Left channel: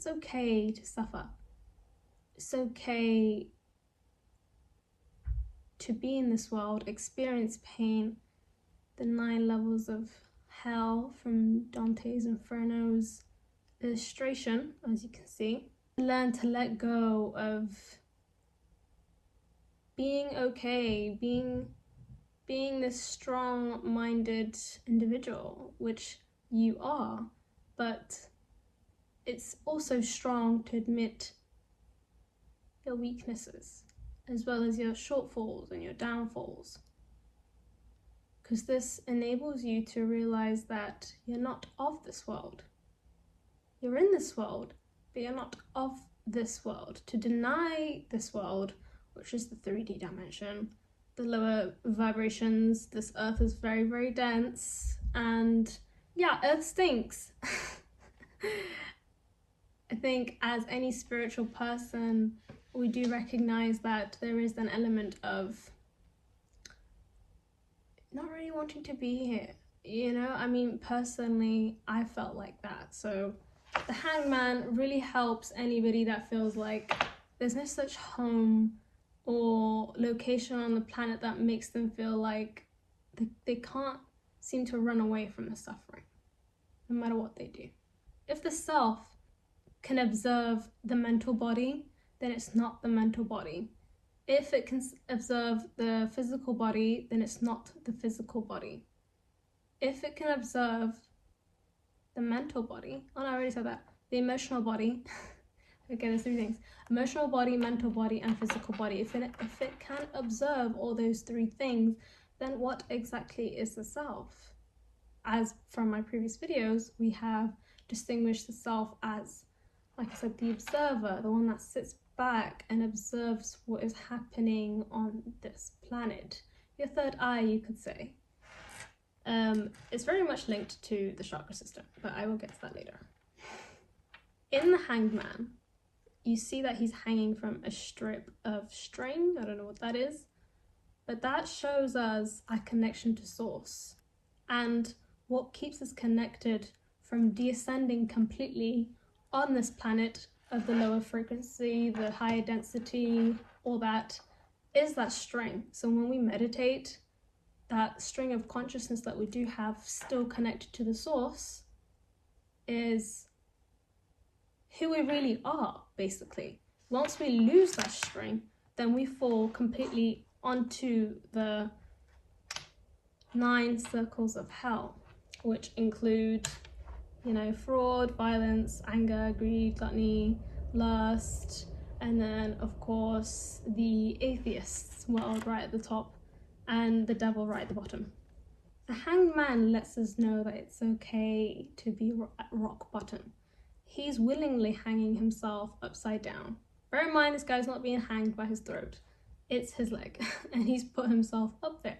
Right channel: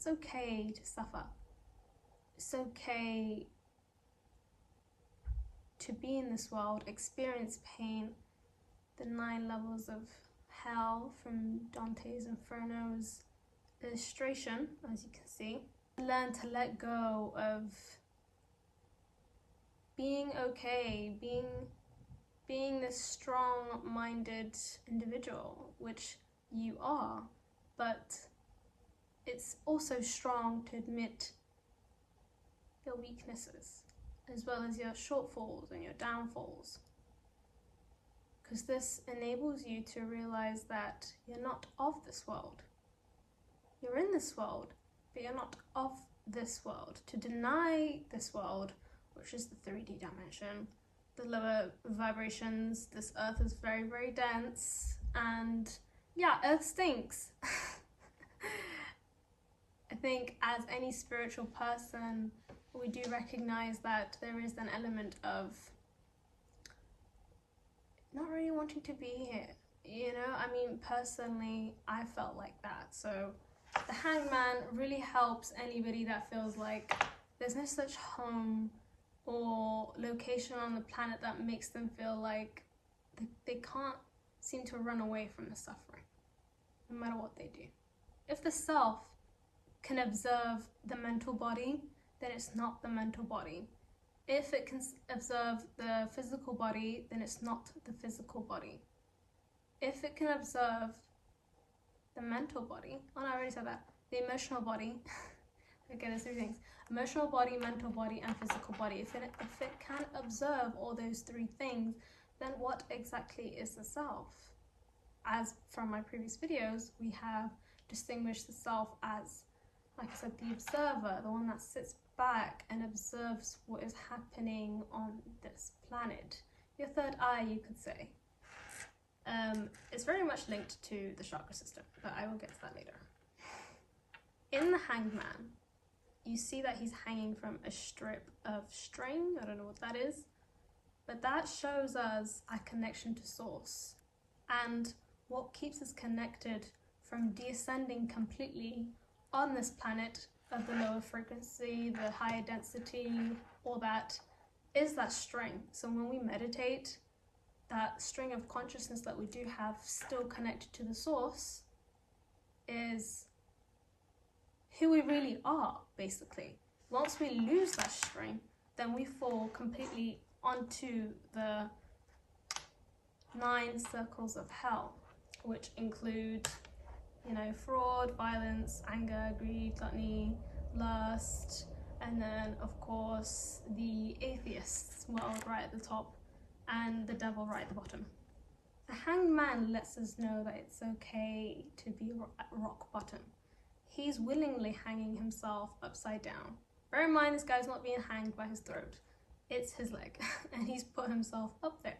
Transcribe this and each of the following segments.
it's okay to suffer. It's okay to be in this world, experience pain, the 9 levels of hell from Dante's Inferno's illustration, as you can see. Learn to let go of being okay, being this strong-minded individual, which you are, but it's also strong to admit your weaknesses as well as your shortfalls and your downfalls, because this enables you to realize that you're not of this world. You're in this world, but you're not of this world. To deny this world, which is the 3D dimension, the lower vibrations, this earth is very, very dense, and yeah, earth stinks. I think as any spiritual person, we do recognize that there is an element of not really wanting to be here, you know? I mean, personally, I felt like that. So the Hangman really helps anybody that feels like there's no such home or location on the planet that makes them feel like they can't seem to run away from the suffering, no matter what they do. If the self can observe the mental body, then it's not the mental body. If it can observe the physical body, then it's not the physical body. If it can observe the mental body, oh no, I already said that, the emotional body, okay, there's 3 things, emotional body, mental body, and physical body. If it can observe all those 3 things, then what exactly is the self? As from my previous videos, we have distinguished the self as, like I said, the observer, the one that sits back and observes what is happening on this planet. Your third eye, you could say. It's very much linked to the chakra system, but I will get to that later. In the Hangman, you see that he's hanging from a strip of string. I don't know what that is, but that shows us a connection to source and what keeps us connected from descending completely on this planet of the lower frequency, the higher density, all that is that string. So when we meditate, that string of consciousness that we do have still connected to the source is who we really are, basically. Once we lose that string, then we fall completely onto the 9 circles of hell, which include, you know, fraud, violence, anger, greed, gluttony, lust, and then of course the atheists world right at the top and the devil right at the bottom. The Hangman lets us know that it's okay to be at rock bottom. He's willingly hanging himself upside down. Bear in mind, this guy's not being hanged by his throat, it's his leg, and he's put himself up there.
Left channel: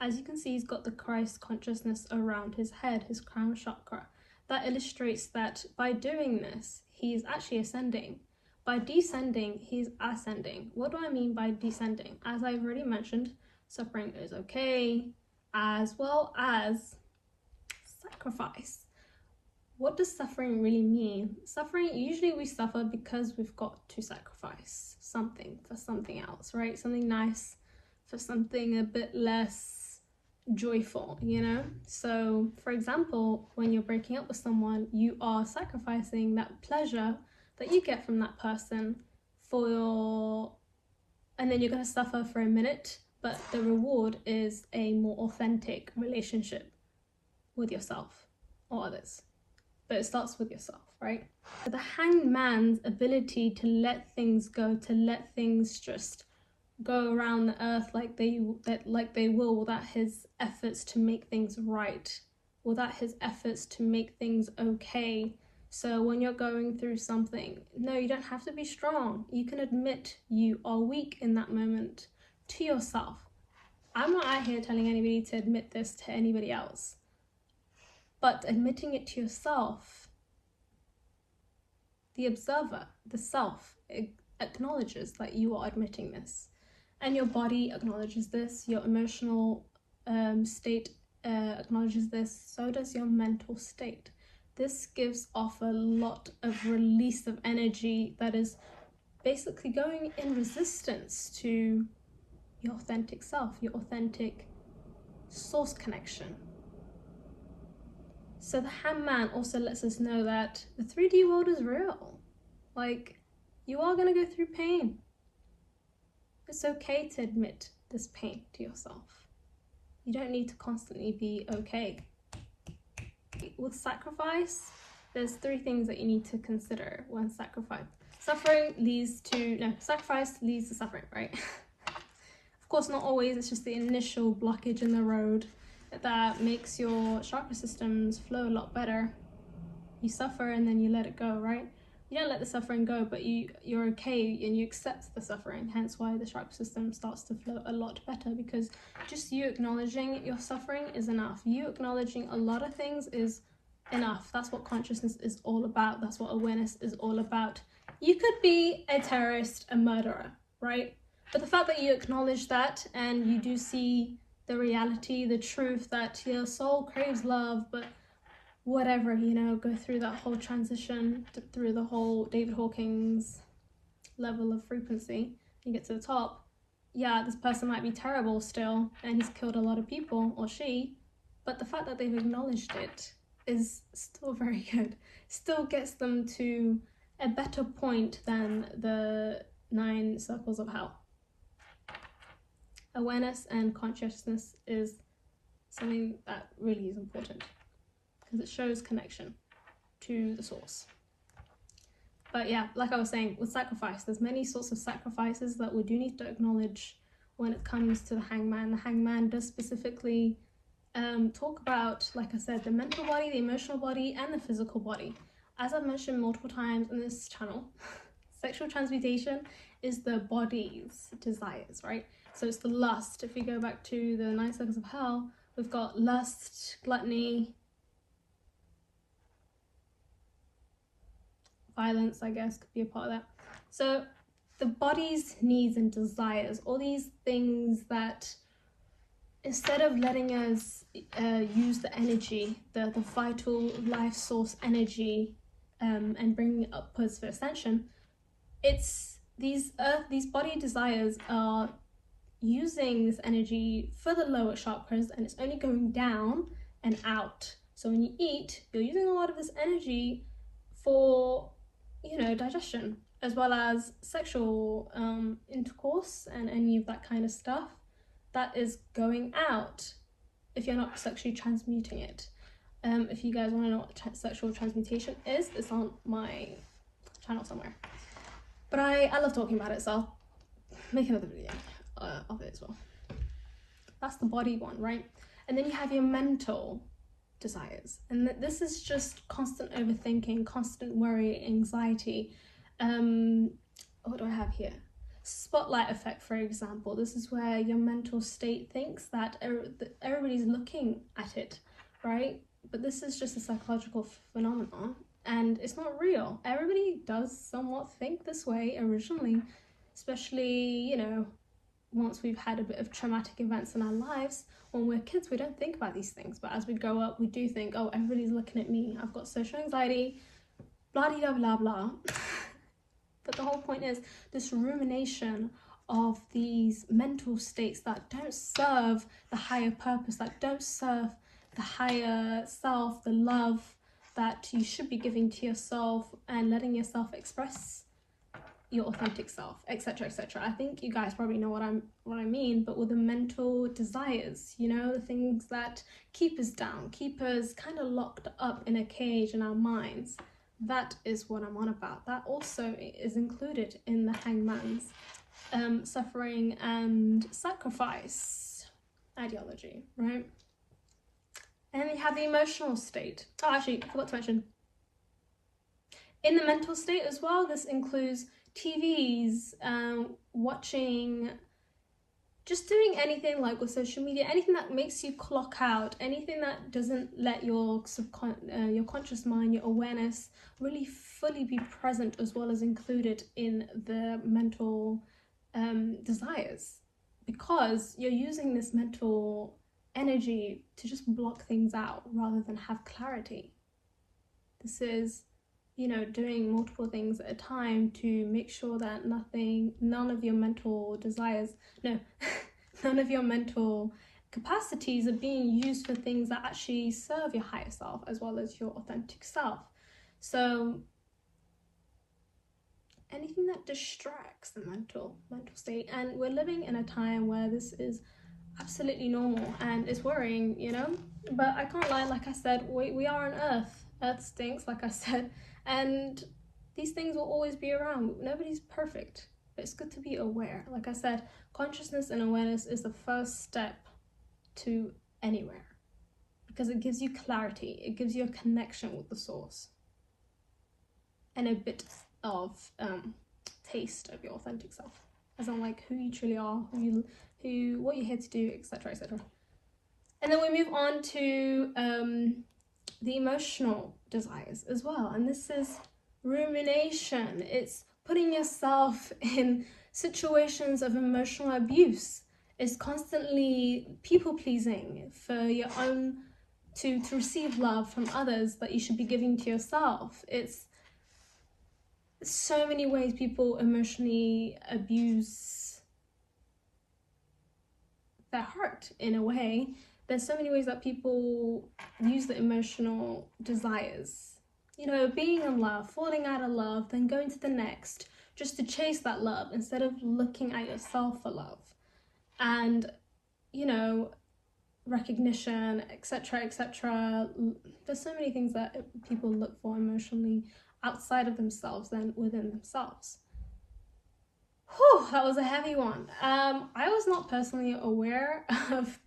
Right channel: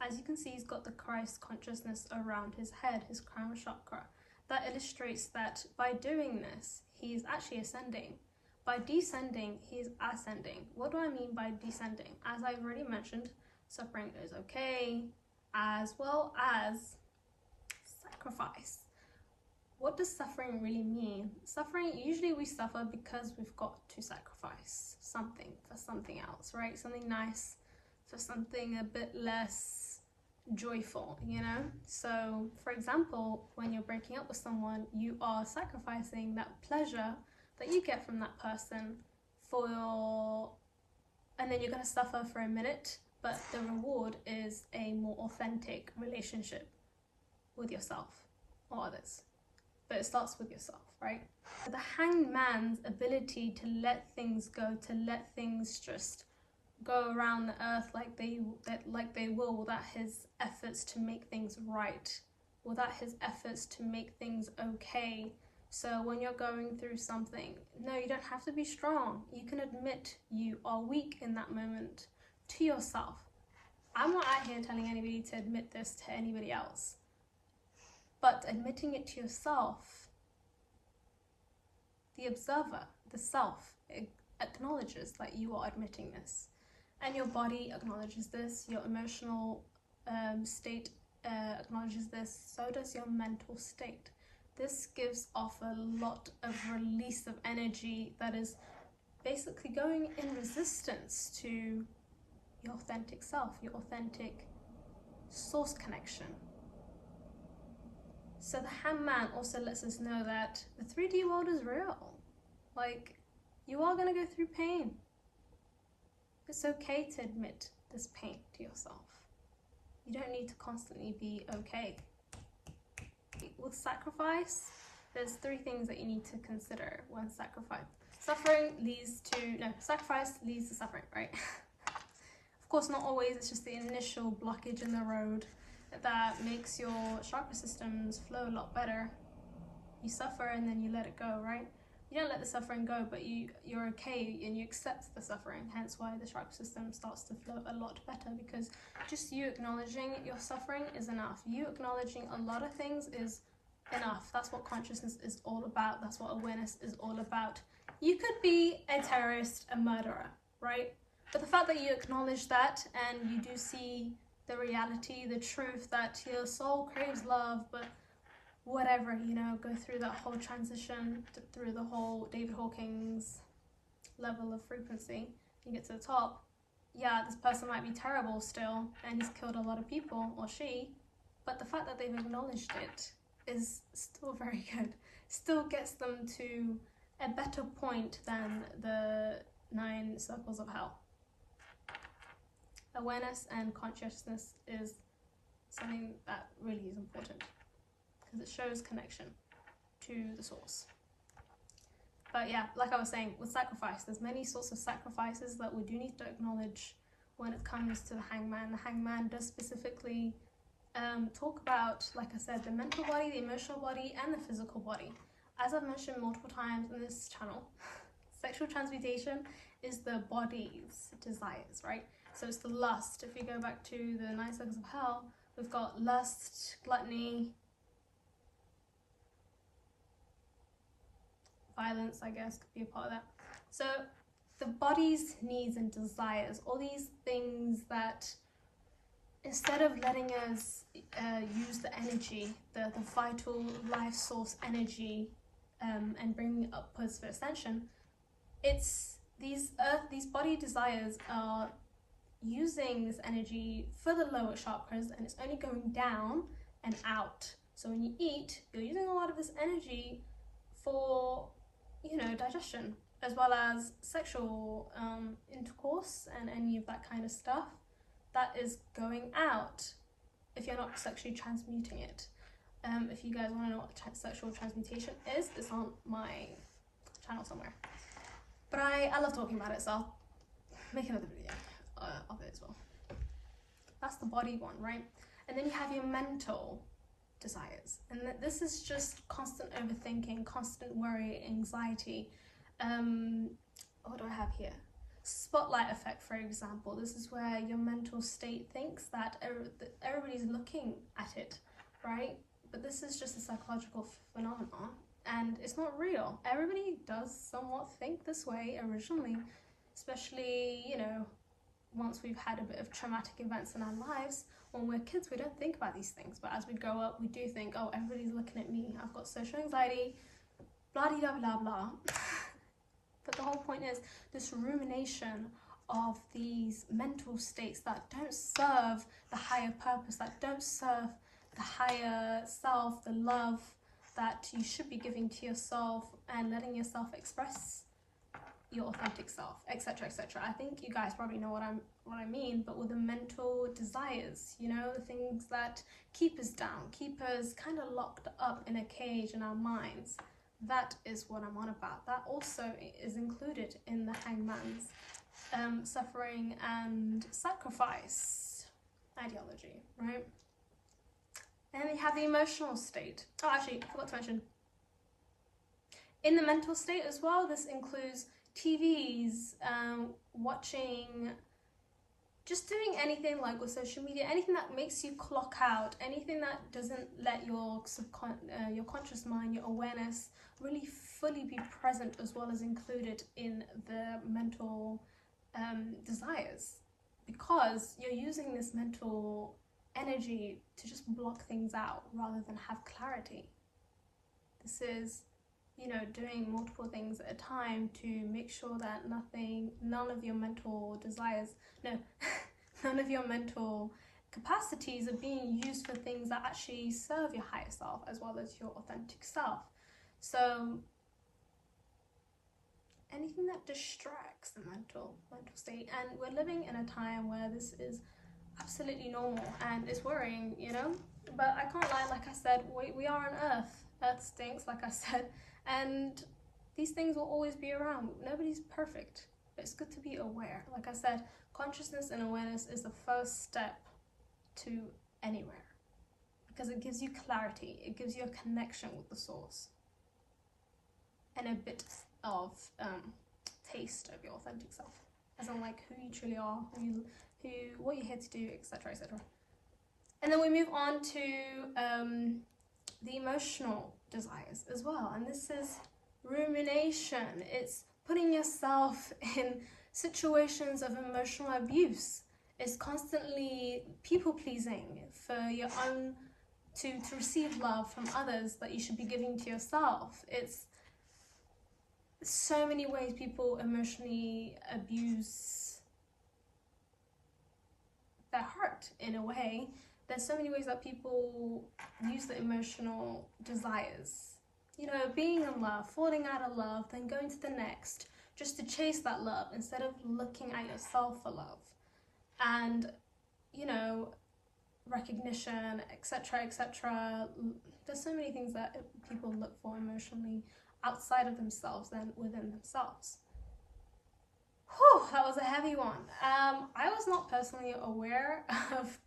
As you can see, he's got the Christ consciousness around his head, his crown chakra. That illustrates that by doing this, he's actually ascending. By descending, he's ascending. What do I mean by descending? As I've already mentioned, suffering is okay, as well as sacrifice. What does suffering really mean? Suffering, usually we suffer because we've got to sacrifice something for something else, right? Something nice for something a bit less joyful, you know? So for example, when you're breaking up with someone, you are sacrificing that pleasure that you get from that person and then you're going to suffer for a minute, but the reward is a more authentic relationship with yourself or others. But it starts with yourself, right? So the Hangman's ability to let things go, to let things just go around the earth like they will, without his efforts to make things right, without his efforts to make things okay. So when you're going through something, no, you don't have to be strong. You can admit you are weak in that moment to yourself. I'm not out here telling anybody to admit this to anybody else, but admitting it to yourself, the observer, the self, acknowledges that you are admitting this. And your body acknowledges this, your emotional state acknowledges this, so does your mental state. this gives off a lot of release of energy that is basically going in resistance to your authentic self, your authentic source connection. So the Hangman also lets us know that the 3D world is real. Like, you are going to go through pain. It's okay to admit this pain to yourself. You don't need to constantly be okay. With sacrifice, there's 3 things that you need to consider when sacrifice. Sacrifice leads to suffering, right? Of course, not always. It's just the initial blockage in the road that makes your chakra systems flow a lot better. You suffer and then you let it go, right? You don't let the suffering go, but you're okay and you accept the suffering. Hence why the chakra system starts to flow a lot better, because just you acknowledging your suffering is enough. You acknowledging a lot of things is enough. That's what consciousness is all about. That's what awareness is all about. You could be a terrorist, a murderer, right? But the fact that you acknowledge that and you do see the reality, the truth that your soul craves love, but whatever, you know, go through that whole transition, through the whole David Hawkins level of frequency, you get to the top. Yeah, this person might be terrible still, and he's killed a lot of people, or she, but the fact that they've acknowledged it is still very good. Still gets them to a better point than the 9 circles of hell. Awareness and consciousness is something that really is important, because it shows connection to the source. But yeah, like I was saying, with sacrifice, there's many sorts of sacrifices that we do need to acknowledge when it comes to the Hangman. The Hangman does specifically talk about, like I said, the mental body, the emotional body, and the physical body. As I've mentioned multiple times in this channel, sexual transmutation is the body's desires, right? So it's the lust. If we go back to the 9 circles of hell, we've got lust, gluttony, violence, I guess, could be a part of that. So the body's needs and desires, all these things that instead of letting us use the energy, the vital life source energy, and bringing it upwards for ascension, it's these body desires are using this energy for the lower chakras, and it's only going down and out. So when you eat, you're using a lot of this energy for, you know, digestion, as well as sexual intercourse and any of that kind of stuff that is going out if you're not sexually transmuting it. If you guys want to know what sexual transmutation is, it's on my channel somewhere. But I love talking about it, so I'll make another video of it as well. That's the body one, right? And then you have your mental desires, and this is just constant overthinking, constant worry, anxiety. What do I have here? Spotlight effect, for example. This is where your mental state thinks that everybody's looking at it, right? But this is just a psychological phenomenon, and it's not real. Everybody does somewhat think this way originally, especially, you know, once we've had a bit of traumatic events in our lives. When we're kids, we don't think about these things, but as we grow up, we do think, oh, everybody's looking at me, I've got social anxiety, blah blah blah blah. But the whole point is this rumination of these mental states that don't serve the higher purpose, that don't serve the higher self, the love that you should be giving to yourself and letting yourself express your authentic self, etc, etc. I think you guys probably know what I mean, but with the mental desires, you know, the things that keep us down, keep us kind of locked up in a cage in our minds. That is what I'm on about. That also is included in the Hangman's suffering and sacrifice ideology, right? And then you have the emotional state. Oh, actually, I forgot to mention, in the mental state as well, this includes TVs, watching, just doing anything like with social media, anything that makes you clock out, anything that doesn't let your conscious mind, your awareness really fully be present, as well as included in the mental desires, because you're using this mental energy to just block things out rather than have clarity. This is, you know, doing multiple things at a time to make sure that none of your mental desires, no, none of your mental capacities are being used for things that actually serve your higher self as well as your authentic self. So anything that distracts the mental state, and we're living in a time where this is absolutely normal and it's worrying, you know. But I can't lie, like I said, we are on Earth stinks, like I said, and these things will always be around. Nobody's perfect, but it's good to be aware. Like I said, consciousness and awareness is the first step to anywhere, because it gives you clarity, it gives you a connection with the source, and a bit of taste of your authentic self, as in like who you truly are, what you're here to do, etc., etc. And then we move on to the emotional desires as well, and this is rumination. It's putting yourself in situations of emotional abuse. It's constantly people pleasing for your own, to receive love from others that you should be giving to yourself. It's so many ways people emotionally abuse their heart in a way. There's so many ways that people use the emotional desires, you know, being in love, falling out of love, then going to the next just to chase that love instead of looking at yourself for love and, you know, recognition, etc., etc. There's so many things that people look for emotionally outside of themselves than within themselves. Whew, that was a heavy one. I was not personally aware of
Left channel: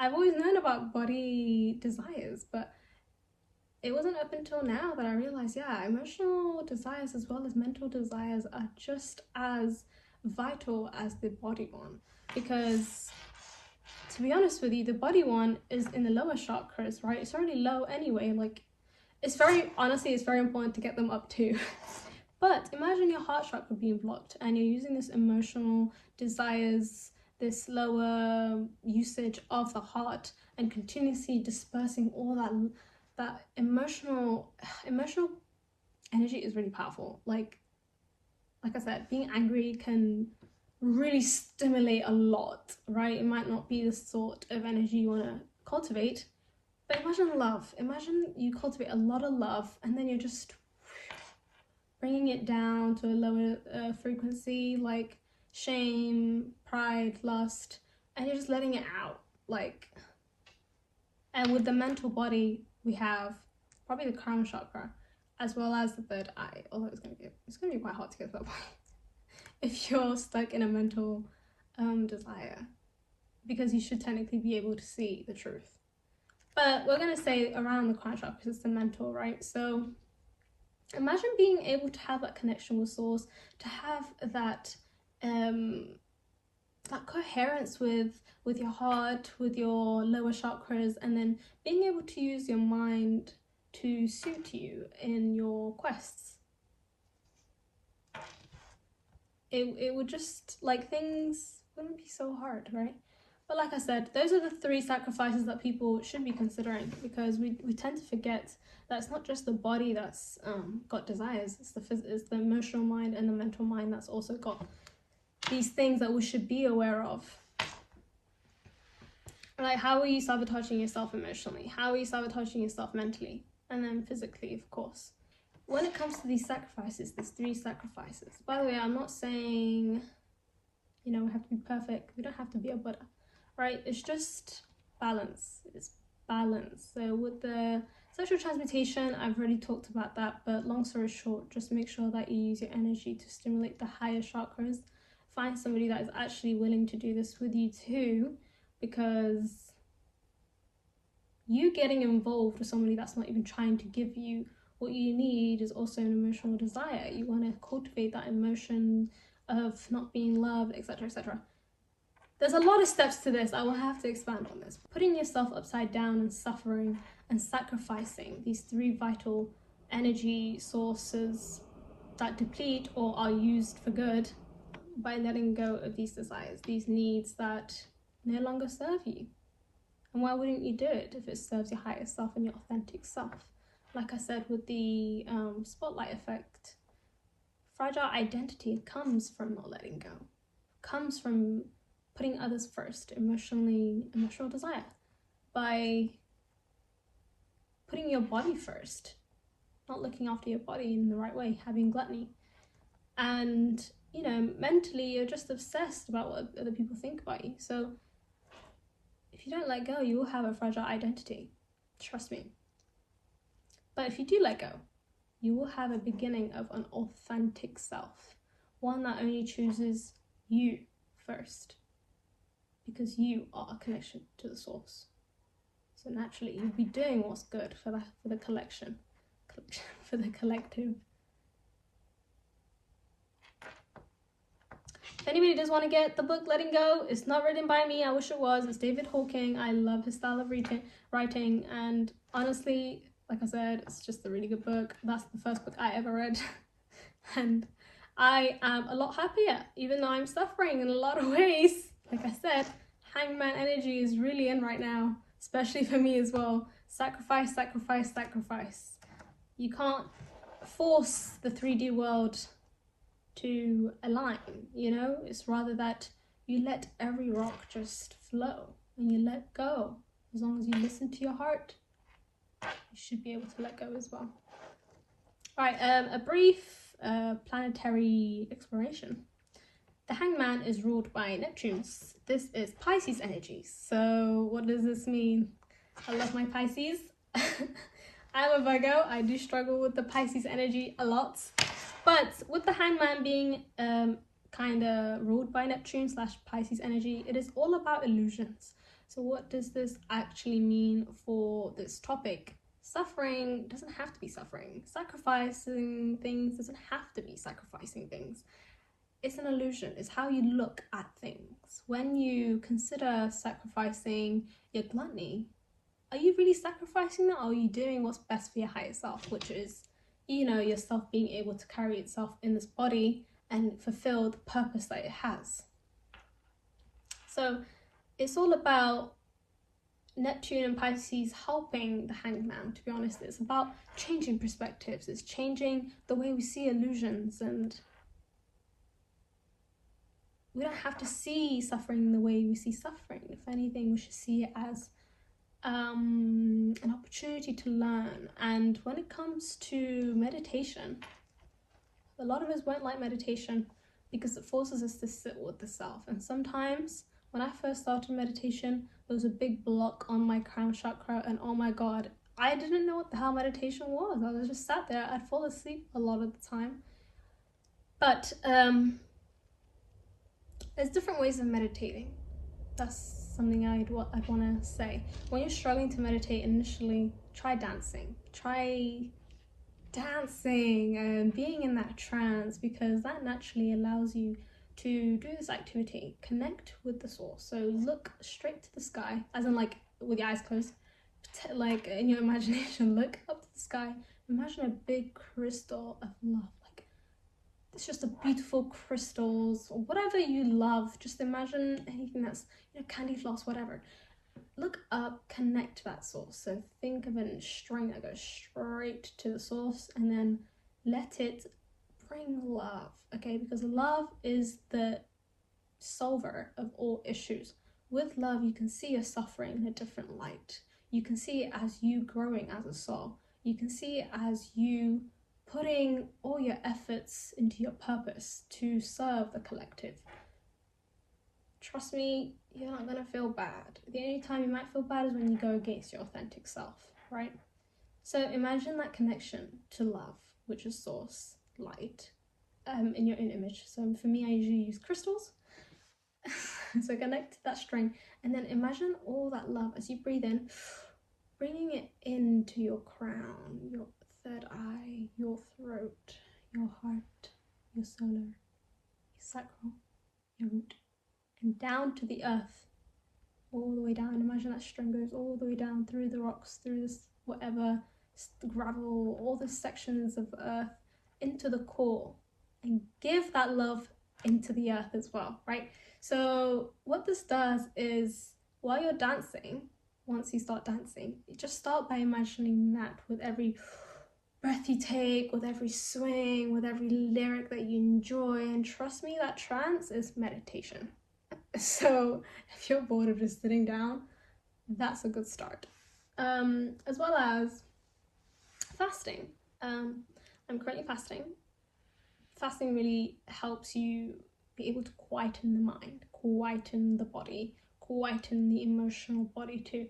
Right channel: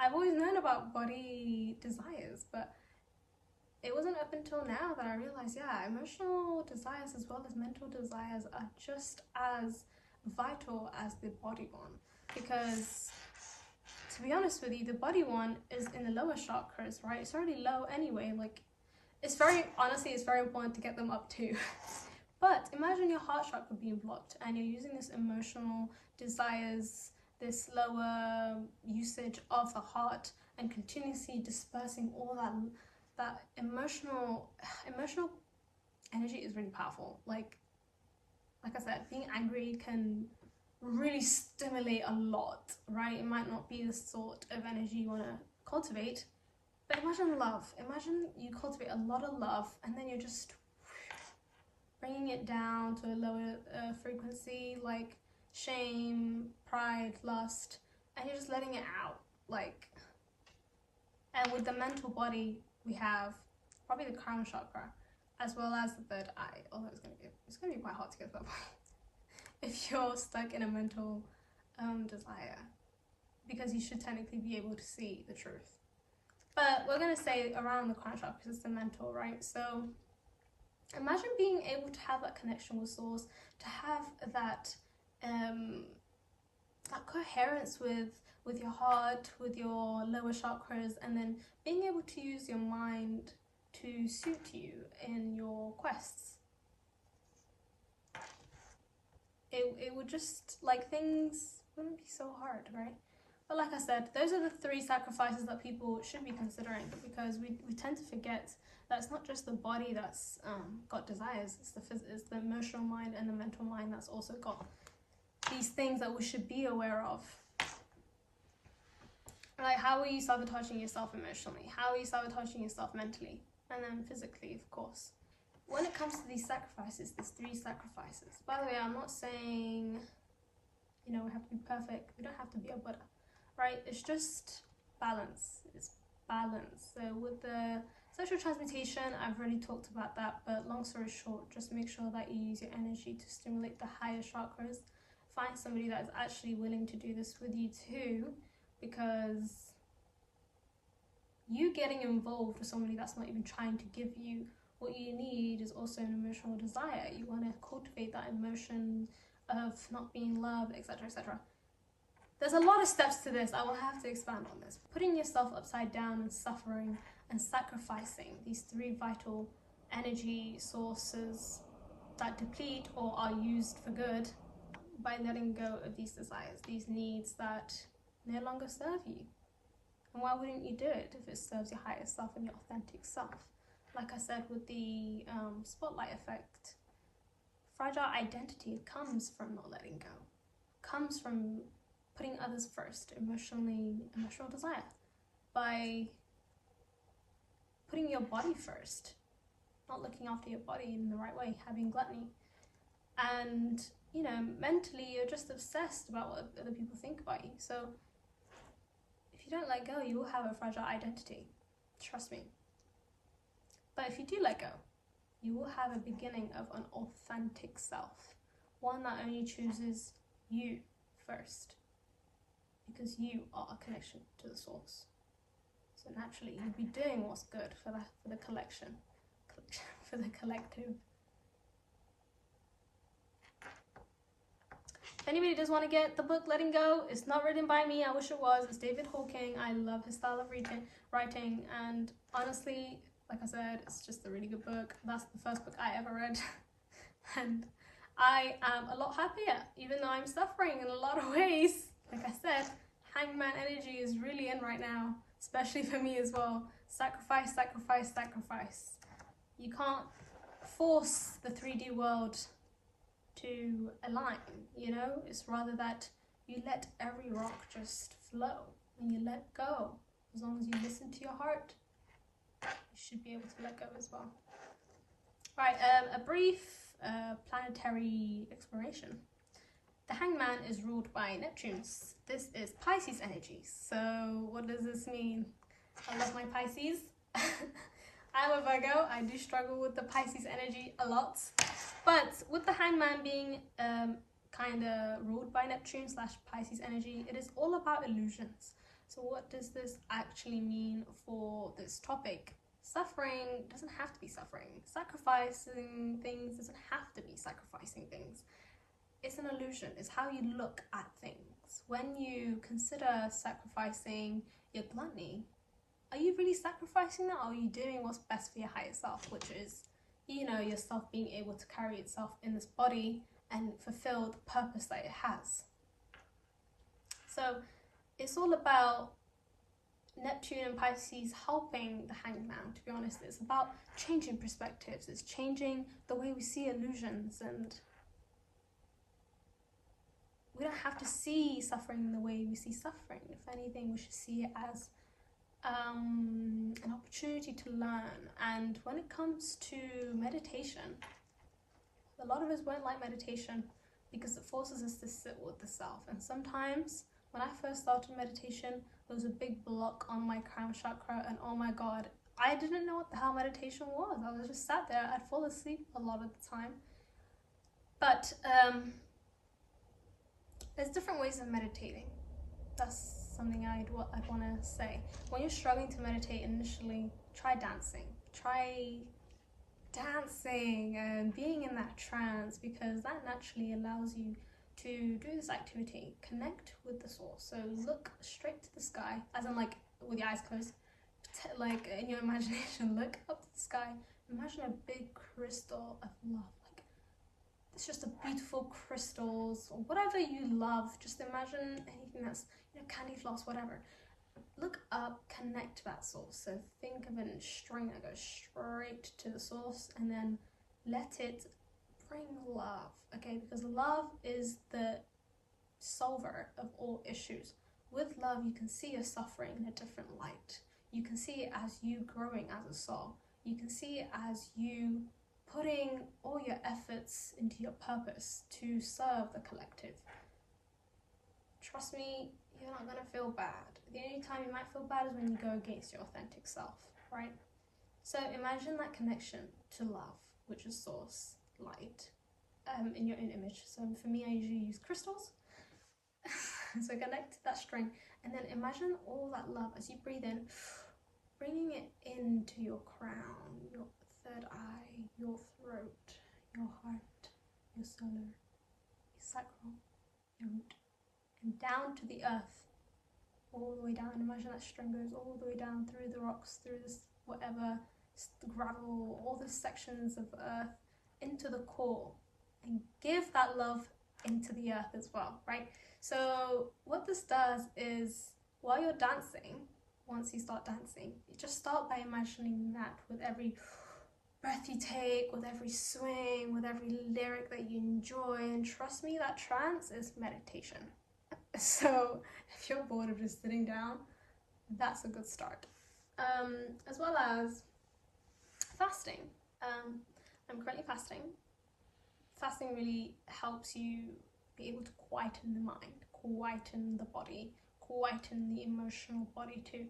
I've always known about body desires, but it wasn't up until now that I realized, yeah, emotional desires as well as mental desires are just as vital as the body one. Because to be honest with you, the body one is in the lower chakras, right? It's already low anyway. Like, it's very important to get them up too. But imagine your heart chakra being blocked and you're using this emotional desires, this lower usage of the heart, and continuously dispersing all that emotional energy is really powerful. Like I said, being angry can really stimulate a lot, right? It might not be the sort of energy you want to cultivate, but imagine love. Imagine you cultivate a lot of love and then you're just bringing it down to a lower frequency, like shame, pride, lust, and you're just letting it out. Like, and with the mental body, we have probably the crown chakra as well as the third eye, although it's gonna be quite hard to get to that point if you're stuck in a mental desire, because you should technically be able to see the truth. But we're gonna say around the crown chakra because it's the mental, right? So imagine being able to have that connection with source, to have that that coherence with your heart, with your lower chakras, and then being able to use your mind to suit you in your quests. It would just, like, things wouldn't be so hard, right? But like I said, those are the 3 sacrifices that people should be considering, because we tend to forget that it's not just the body that's got desires, it's the emotional mind and the mental mind that's also got these things that we should be aware of. Like, how are you sabotaging yourself emotionally? How are you sabotaging yourself mentally? And then physically, of course. When it comes to these sacrifices, there's 3 sacrifices. By the way, I'm not saying, you know, we have to be perfect. We don't have to be a Buddha, right? It's just balance. It's balance. So with the sexual transmutation, I've already talked about that, but long story short, just make sure that you use your energy to stimulate the higher chakras. Find somebody that is actually willing to do this with you too, because you getting involved with somebody that's not even trying to give you what you need is also an emotional desire. You want to cultivate that emotion of not being loved, etc., etc. There's a lot of steps to this. I will have to expand on this. Putting yourself upside down and suffering and sacrificing these 3 vital energy sources that deplete or are used for good by letting go of these desires, these needs that no longer serve you. And why wouldn't you do it if it serves your higher self and your authentic self? like I said with the spotlight effect, fragile identity comes from not letting go, comes from putting others first, emotional desire, by putting your body first, not looking after your body in the right way, having gluttony. And, you know, mentally you're just obsessed about what other people think about you. So if you don't let go, you will have a fragile identity, trust me. But if you do let go, you will have a beginning of an authentic self, one that only chooses you first, because you are a connection to the source. So naturally you'll be doing what's good for the collective. If anybody does want to get the book Letting Go, it's not written by me, I wish it was. It's David Hawking. I love his style of writing, and honestly, like I said, it's just a really good book. That's the first book I ever read. And I am a lot happier, even though I'm suffering in a lot of ways. Like I said, hangman energy is really in right now, especially for me as well. Sacrifice, sacrifice, sacrifice. You can't force the 3D world to align, you know? It's rather that you let every rock just flow and you let go. As long as you listen to your heart, you should be able to let go as well. All right, a brief planetary exploration. The hangman is ruled by Neptune. This is Pisces energy. So what does this mean? I love my Pisces. I'm a Virgo. I do struggle with the Pisces energy a lot. But with the hangman being kind of ruled by Neptune / Pisces energy, it is all about illusions. So what does this actually mean for this topic? Suffering doesn't have to be suffering. Sacrificing things doesn't have to be sacrificing things. It's an illusion. It's how you look at things. When you consider sacrificing your gluttony, are you really sacrificing that, or are you doing what's best for your higher self, which is, you know, yourself being able to carry itself in this body and fulfill the purpose that it has? So it's all about Neptune and Pisces helping the hangman, to be honest. It's about changing perspectives. It's changing the way we see illusions, and we don't have to see suffering the way we see suffering. If anything, we should see it as an opportunity to learn. And when it comes to meditation, a lot of us won't like meditation because it forces us to sit with the self. And sometimes when I first started meditation, there was a big block on my crown chakra, and oh my god, I didn't know what the hell meditation was. I was just sat there. I'd fall asleep a lot of the time. But there's different ways of meditating. That's something I'd want to say. When you're struggling to meditate initially, try dancing. Try dancing and being in that trance, because that naturally allows you to do this activity. Connect with the source. So look straight to the sky, as in like with your eyes closed, like in your imagination, look up to the sky. Imagine a big crystal of love. It's just a beautiful crystals or whatever you love. Just imagine anything that's, you know, candy floss, whatever. Look up, connect to that source. So think of a string that goes straight to the source, and then let it bring love, okay? Because love is the solver of all issues. With love, you can see your suffering in a different light. You can see it as you growing as a soul. You can see it as you putting all your efforts into your purpose to serve the collective. Trust me, you're not gonna feel bad. The only time you might feel bad is when you go against your authentic self, right? So imagine that connection to love, which is source, light, in your own image. So for me, I usually use crystals. So connect to that string, and then imagine all that love as you breathe in, bringing it into your crown, your third eye, your throat, your heart, your solar, your sacral, your root, and down to the earth, all the way down. Imagine that string goes all the way down through the rocks, through this whatever, gravel, all the sections of earth, into the core, and give that love into the earth as well, right? So what this does is, while you're dancing, once you start dancing, you just start by imagining that with every breath you take, with every swing, with every lyric that you enjoy. And trust me, that trance is meditation. So if you're bored of just sitting down, that's a good start. As well as fasting. I'm currently fasting. Fasting really helps you be able to quieten the mind, quieten the body, quieten the emotional body too.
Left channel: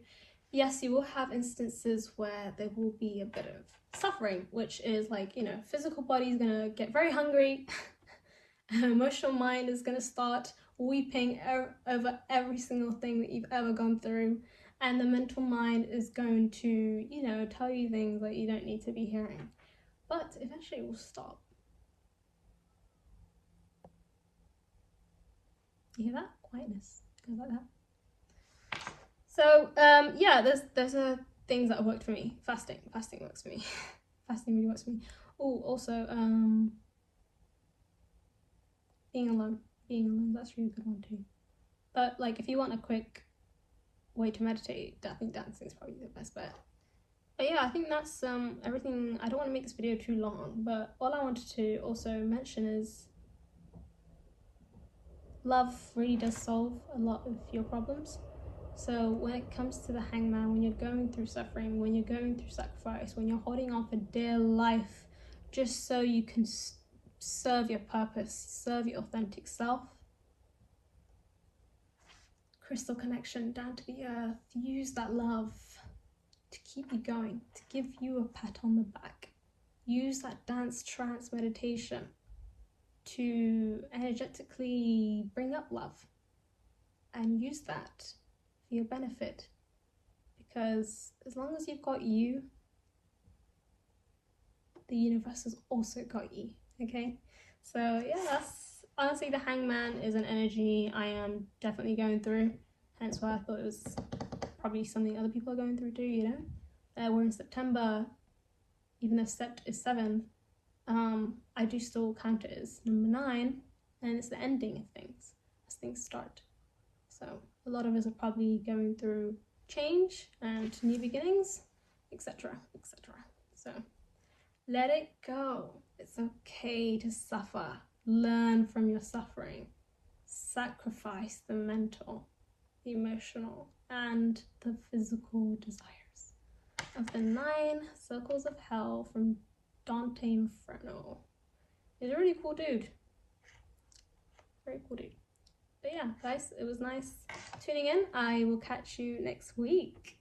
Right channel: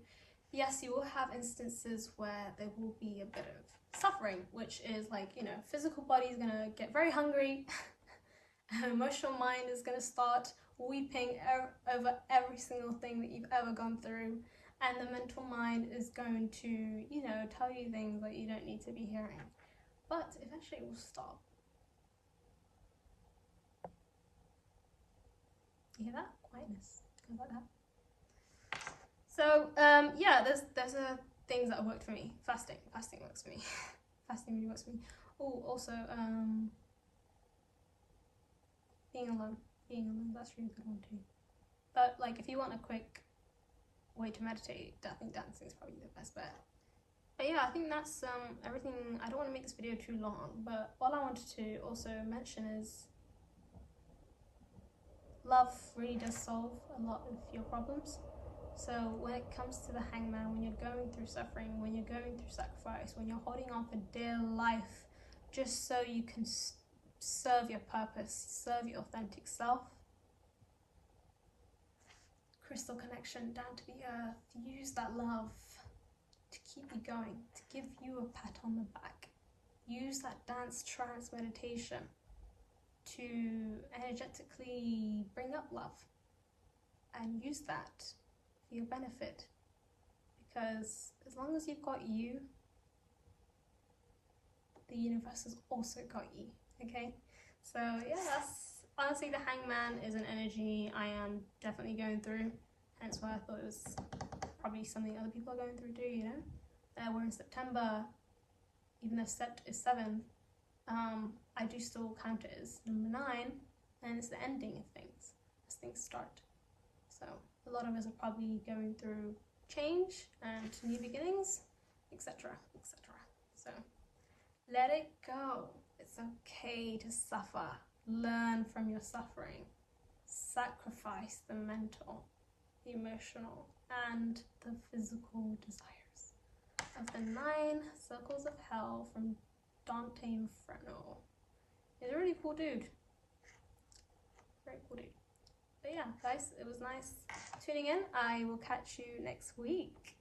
Yes, you will have instances where there will be a bit of suffering, which is like, you know, physical body is gonna get very hungry, emotional mind is gonna start weeping over every single thing that you've ever gone through, and the mental mind is going to, you know, tell you things that you don't need to be hearing. But eventually it will stop. You hear that? Quietness. Goes like that. So yeah, there's things that have worked for me. Fasting works for me. Fasting really works for me. Oh, also being alone, that's a really good one too. But like, if you want a quick way to meditate, I think dancing is probably the best bet. But yeah, I think that's everything. I don't want to make this video too long, but all I wanted to also mention is love really does solve a lot of your problems. So when it comes to the hangman, when you're going through suffering, when you're going through sacrifice, when you're holding on for dear life just so you can serve your purpose, serve your authentic self, crystal connection down to the earth, use that love to keep you going, to give you a pat on the back. Use that dance trance meditation to energetically bring up love, and use that for your benefit, because as long as you've got you, the universe has also got you. Okay, so yeah, that's honestly, the hangman is an energy I am definitely going through, hence why I thought it was probably something other people are going through too, you know. We're in September, even though Sept is 7, I do still count it as number 9, and it's the ending of things as things start. So a lot of us are probably going through change and new beginnings, etc, etc. So let it go. It's okay to suffer. Learn from your suffering. Sacrifice the mental, the emotional, and the physical desires of the 9 circles of hell from Dante Inferno. He's a really cool dude. Very cool dude. But yeah, guys, it was nice tuning in. I will catch you next week.